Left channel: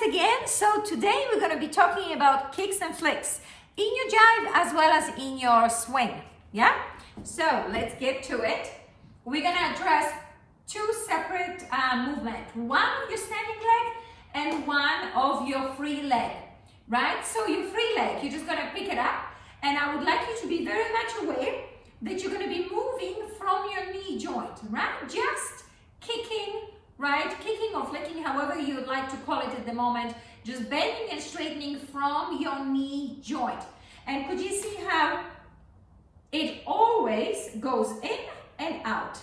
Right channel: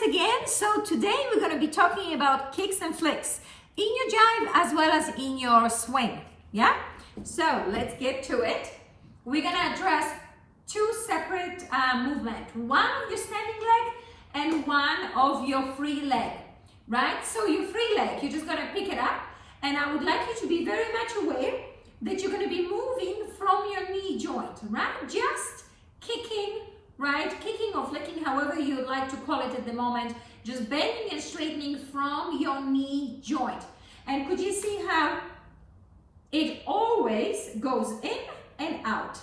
guys again. So today we're going to be talking about kicks and flicks in your jive as well as in your swing. Yeah? So let's get to it. We're going to address two separate movements. One of your standing leg and one of your free leg. Right? So your free leg, you're just going to pick it up. And I would like you to be very much aware that you're going to be moving from your knee joint. Right? Just kicking, right? Kicking or flicking, however you'd like to call it at the moment. Just bending and straightening from your knee joint. And could you see how it always goes in and out,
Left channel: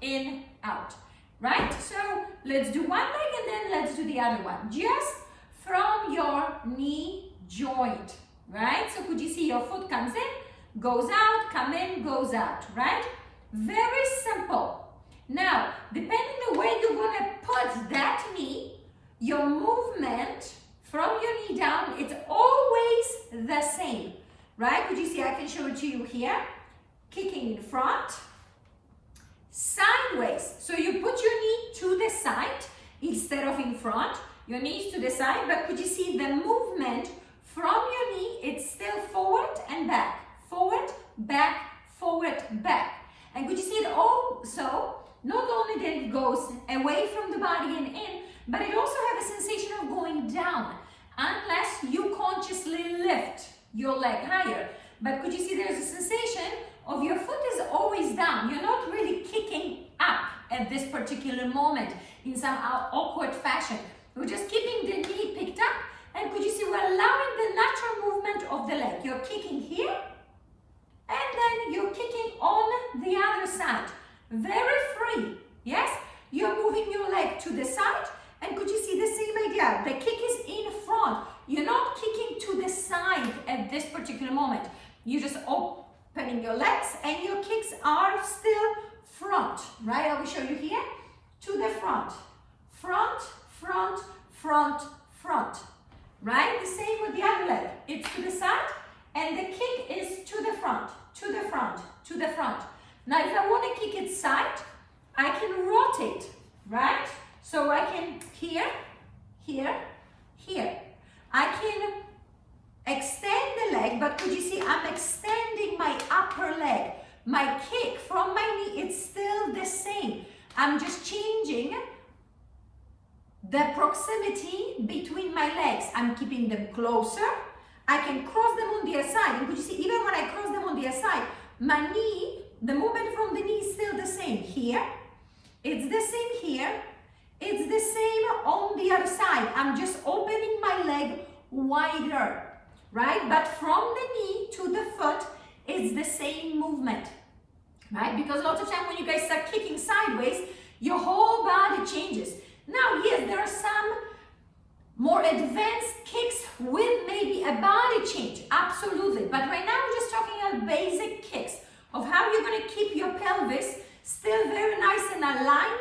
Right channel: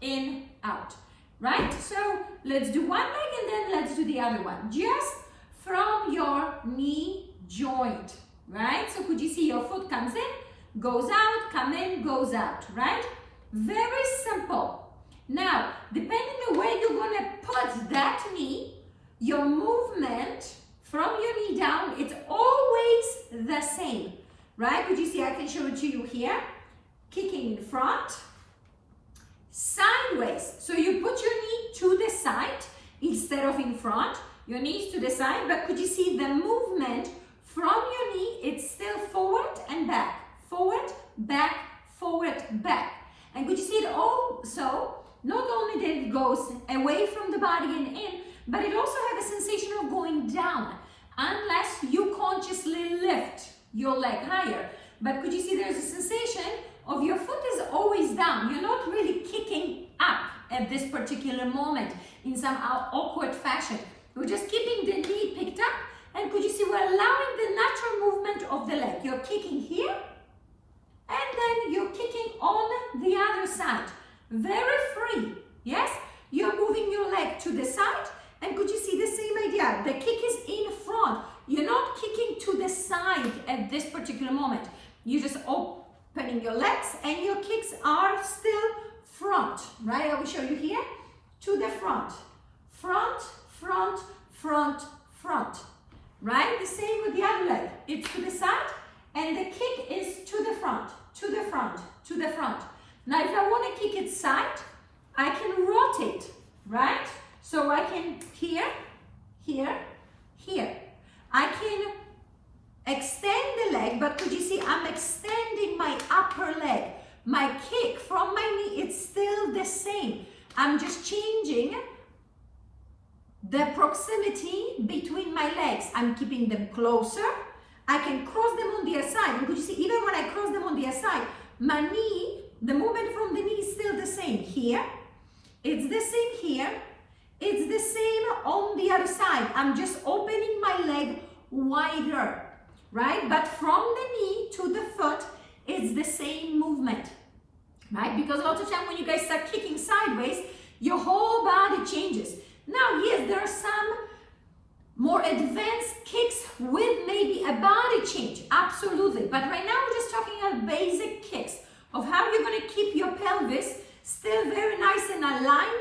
in, out, right? So let's do one leg and then let's do the other one. Just from your knee joint, right? So could you see your foot comes in, goes out, come in, goes out, right? Very simple. Now, depending on where you're going to put that knee, your movement from your knee down, it's always the same, right? Could you see, I can show it to you here. Kicking in front, sideways. So you put your knee to the side instead of in front. Your knees to the side, but could you see the movement from your knee? It's still forward and back, forward, back, forward, back. And could you see it also? Not only that it goes away from the body and in, but it also has a sensation of going down, unless you consciously lift your leg higher. But could you see there's a sensation of your foot is always down. You're not really kicking up at this particular moment in some awkward fashion. We're just keeping the knee picked up, and could you see we're allowing the natural movement of the leg. You're kicking here, and then you're kicking on the other side. Very free, yes? You're moving your leg to the side, and could you see the same idea? The kick is in front. You're not kicking to the side at this particular moment. You're just opening your legs, and your kicks are still front, right? I will show you here. To the front. Front, front, front, front, right? The same with the other leg. It's to the side, and the kick is to the front, to the front, to the front. Now, if I want to kick it side, I can rotate, right? So I can here, here, here. I can extend the leg, but could you see I'm extending my upper leg. My kick from my knee, it's still the same. I'm just changing the proximity between my legs. I'm keeping them closer. I can cross them on the other side. And could you see, even when I cross them on the other side, my knee, the movement from the knee is still the same here. It's the same here. It's the same on the other side. I'm just opening my leg wider, right? But from the knee to the foot, it's the same movement, right? Because a lot of time when you guys start kicking sideways, your whole body changes. Now, yes, there are some more advanced kicks with maybe a body change, absolutely. But right now, we're just talking about basic kicks of how you're going to keep your pelvis still very nice and aligned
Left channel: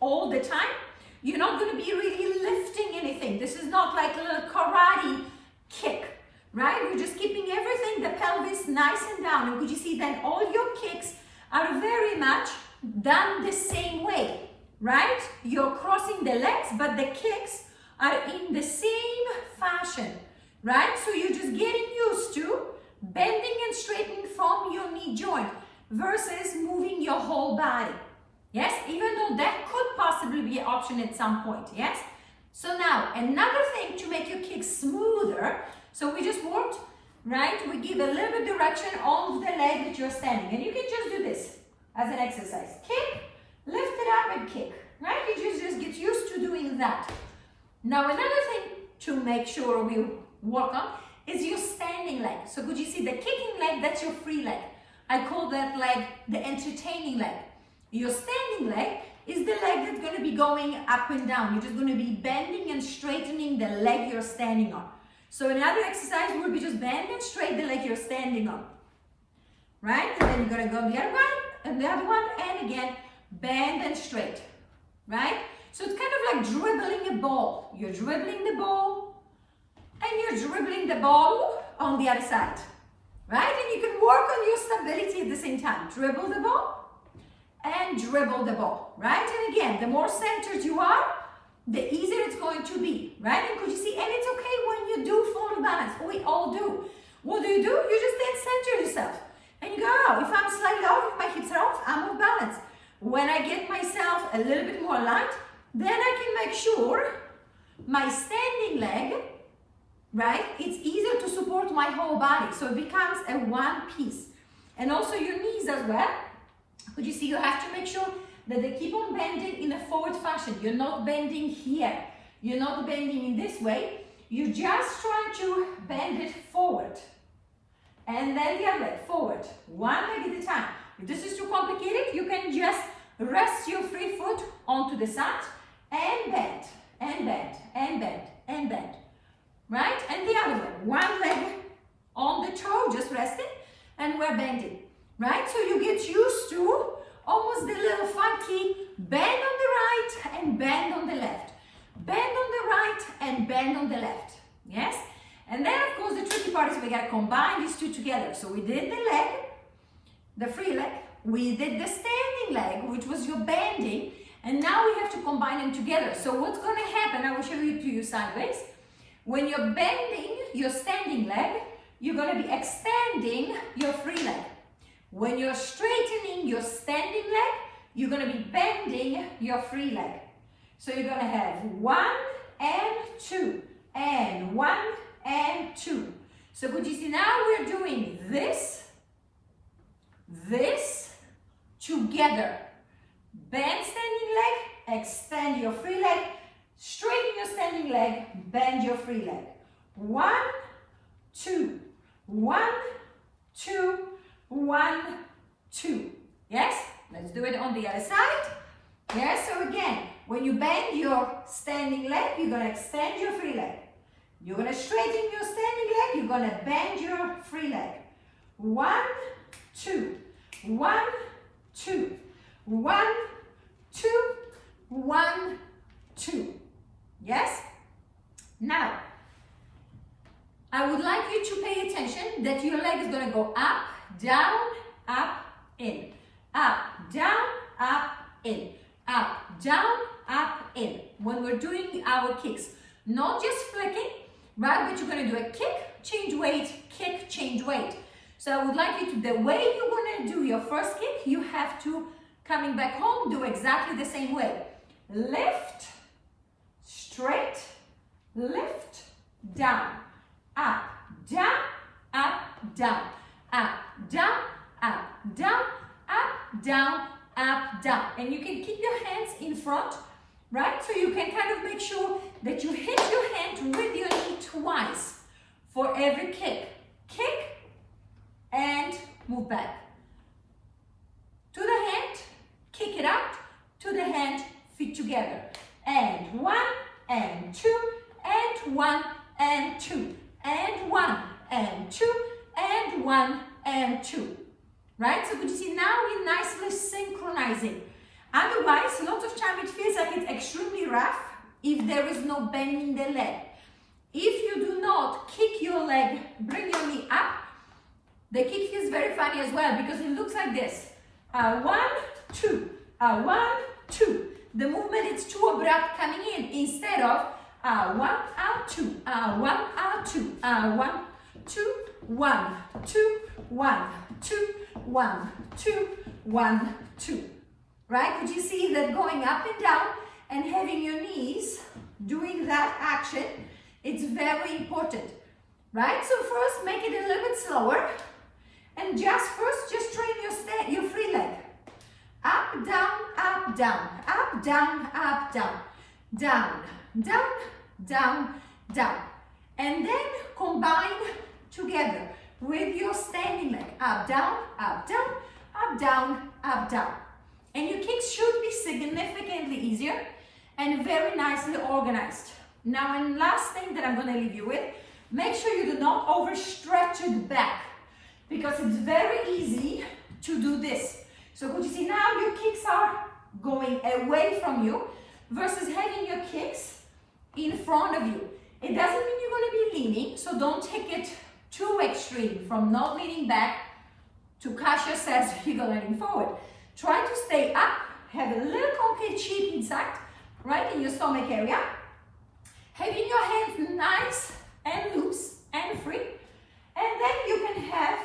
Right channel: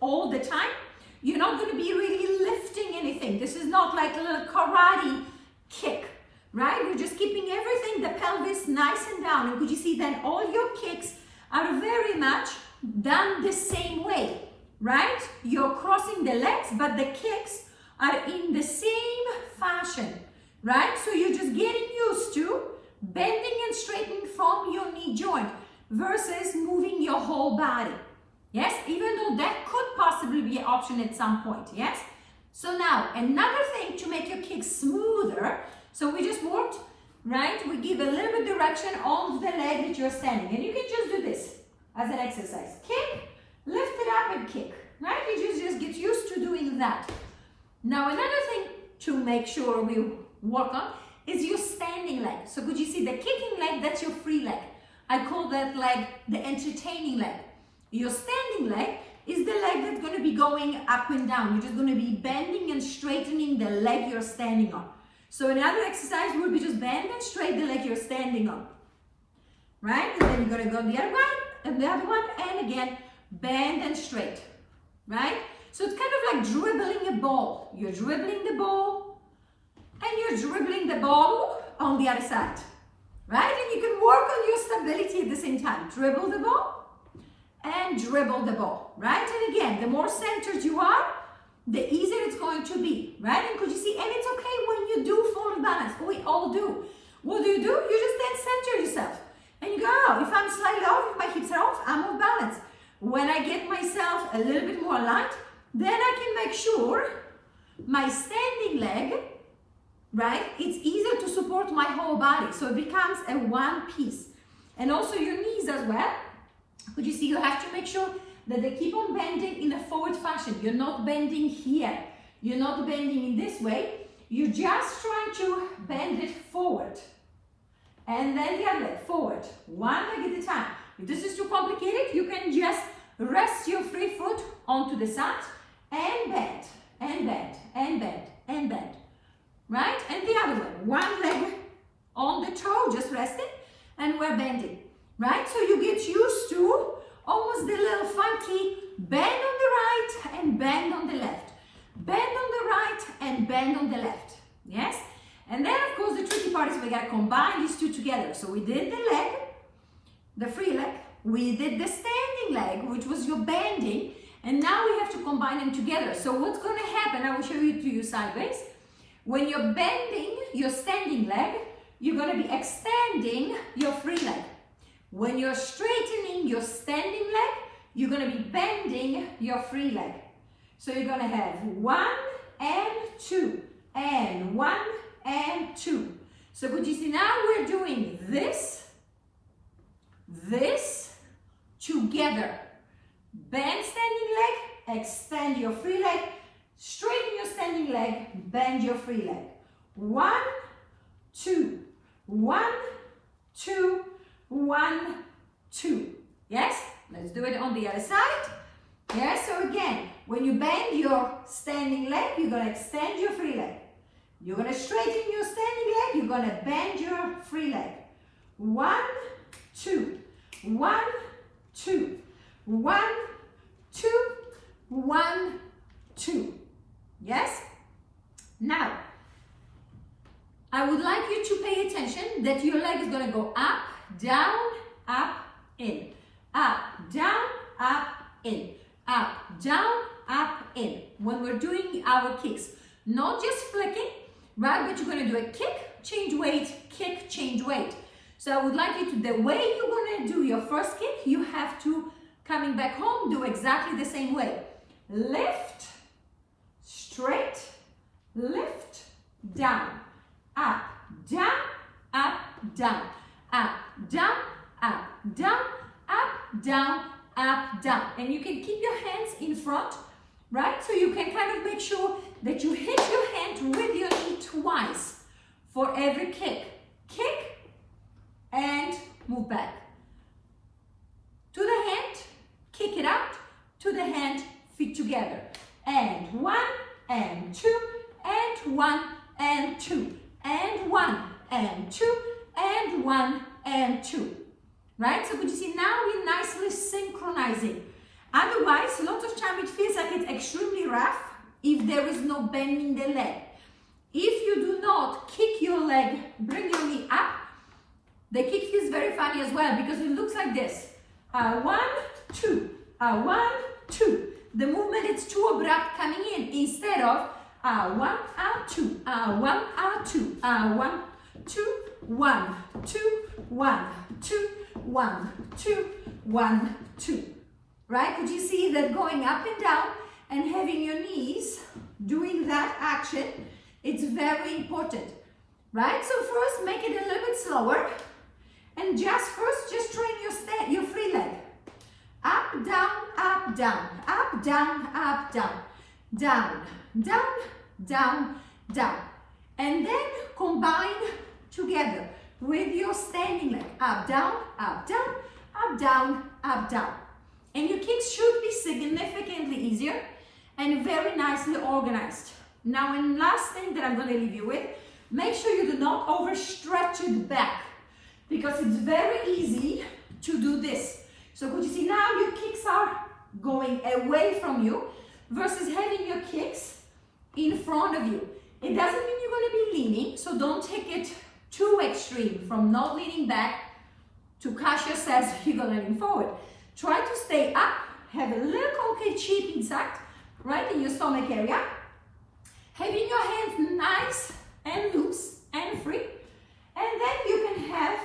all the time. You're not going to be really lifting anything. This is not like a little karate kick, right? We're just keeping everything, the pelvis nice and down. And could you see then all your kicks are very much done the same way, right? You're crossing the legs, but the kicks are in the same fashion, right? So you're just getting used to bending and straightening from your knee joint versus moving your whole body. Yes, even though that could possibly be an option at some point, yes? So now, another thing to make your kick smoother, so we just worked, right? We give a little bit direction on the leg that you're standing, and you can just do this as an exercise. Kick, lift it up and kick, right? You just get used to doing that. Now, another thing to make sure we work on is your standing leg. So could you see the kicking leg, that's your free leg. I call that leg the entertaining leg. Your standing leg is the leg that's going to be going up and down. You're just going to be bending and straightening the leg you're standing on. So another exercise would be just bend and straighten the leg you're standing on. Right? And then you're going to go the other one, and the other one, and again, bend and straight. Right? So it's kind of like dribbling a ball. You're dribbling the ball, and you're dribbling the ball on the other side. Right? And you can work on your stability at the same time. Dribble the ball and dribble the ball, right? And again, the more centered you are, the easier it's going to be, right? And could you see, and it's okay when you do fall in balance. We all do. What do? You just then center yourself. And you go, oh, if I'm slightly off, if my hips are off, I'm off balance. When I get myself a little bit more light, then I can make sure my standing leg, right, it's easier to support my whole body. So it becomes a one piece. And also your knees as well. Could you see, you have to make sure that they keep on bending in a forward fashion. You're not bending here. You're not bending in this way. You're just trying to bend it forward. And then the other leg, forward. One leg at a time. If this is too complicated, you can just rest your free foot onto the side and bend, and bend, and bend, and bend. Right? And the other way. One leg on the toe, just resting, and we're bending. Right? So you get used to almost the little funky bend on the right and bend on the left. Bend on the right and bend on the left. Yes? And then, of course, the tricky part is we got to combine these two together. So we did the leg, the free leg. We did the standing leg, which was your bending. And now we have to combine them together. So what's going to happen, I will show you to you sideways. When you're bending your standing leg, you're going to be extending your free leg. When you're straightening your standing leg, you're going to be bending your free leg. So you're going to have 1 and 2, and 1 and 2. So could you see, now we're doing this together. Bend standing leg, extend your free leg, straighten your standing leg, bend your free leg. 1, 2, 1, 2, 1, 2. Yes? Let's do it on the other side. Yes, so again, when you bend your standing leg, you're going to extend your free leg. You're going to straighten your standing leg, you're going to bend your free leg. 1, 2, 1, 2, 1, 2, 1, 2. Yes? Now, I would like you to pay attention that your leg is going to go up, down, up, in. Up, down, up, in. Up, down, up, in. When we're doing our kicks. Not just flicking, right? But you're going to do a kick, change weight, kick, change weight. So I would like you to, the way you're going to do your first kick, you have to, coming back home, do exactly the same way. Lift, straight, lift, down, up, down, up, down, up, down, up, down, up, down, up, down. And you can keep your hands in front, right? So you can kind of make sure that you hit your hand with your knee twice for every kick. Kick and move back. To the hand, kick it out. To the hand, feet together. And 1, and 2, and 1, and 2, and 1, and 2, and 1, and 2. Right? So could you see, now we're nicely synchronizing. Otherwise, a lot of time it feels like it's extremely rough if there is no bending the leg. If you do not kick your leg, bring your knee up, the kick feels very funny as well because it looks like this. 1, 2, 1, 2. The movement is too abrupt coming in instead of 1, 2, 1, 2, 1, 2, 1, 2, 1, 2, 1, 2, 1, 2. Right? Could you see that going up and down and having your knees doing that action? It's very important. Right? So first make it a little bit slower and just train your free leg. Up, down, up, down, up, down, up, down, down, down, down, down. And then combine together with your standing leg. Up, down, up, down, up, down, up, down. And your kicks should be significantly easier and very nicely organized. Now, and last thing that I'm going to leave you with, make sure you do not overstretch it back because it's very easy to do this. So could you see now your kicks are going away from you versus having your kicks in front of you. It doesn't mean you're going to be leaning, so don't take it too extreme from not leaning back to catch yourself you're going to lean forward. Try to stay up, have a little concave cheek inside, right in your stomach area. Having your hands nice and loose and free. And then you can have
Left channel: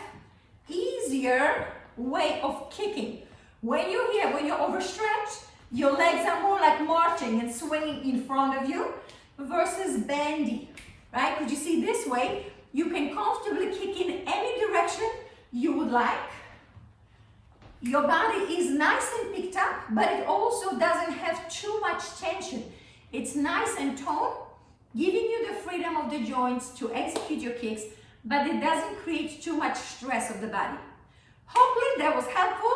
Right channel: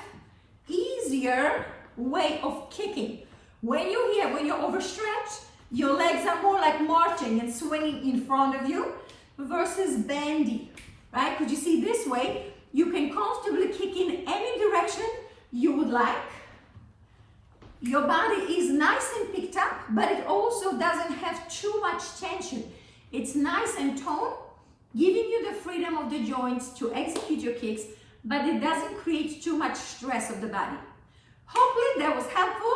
easier way of kicking. When you're here, when you're overstretched, your legs are more like marching and swinging in front of you versus bendy, right? Could you see this way? You can comfortably kick in any direction you would like. Your body is nice and picked up, but it also doesn't have too much tension. It's nice and toned, giving you the freedom of the joints to execute your kicks, but it doesn't create too much stress of the body. Hopefully that was helpful.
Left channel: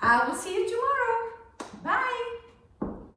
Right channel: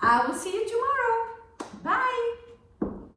I will see you tomorrow. Bye.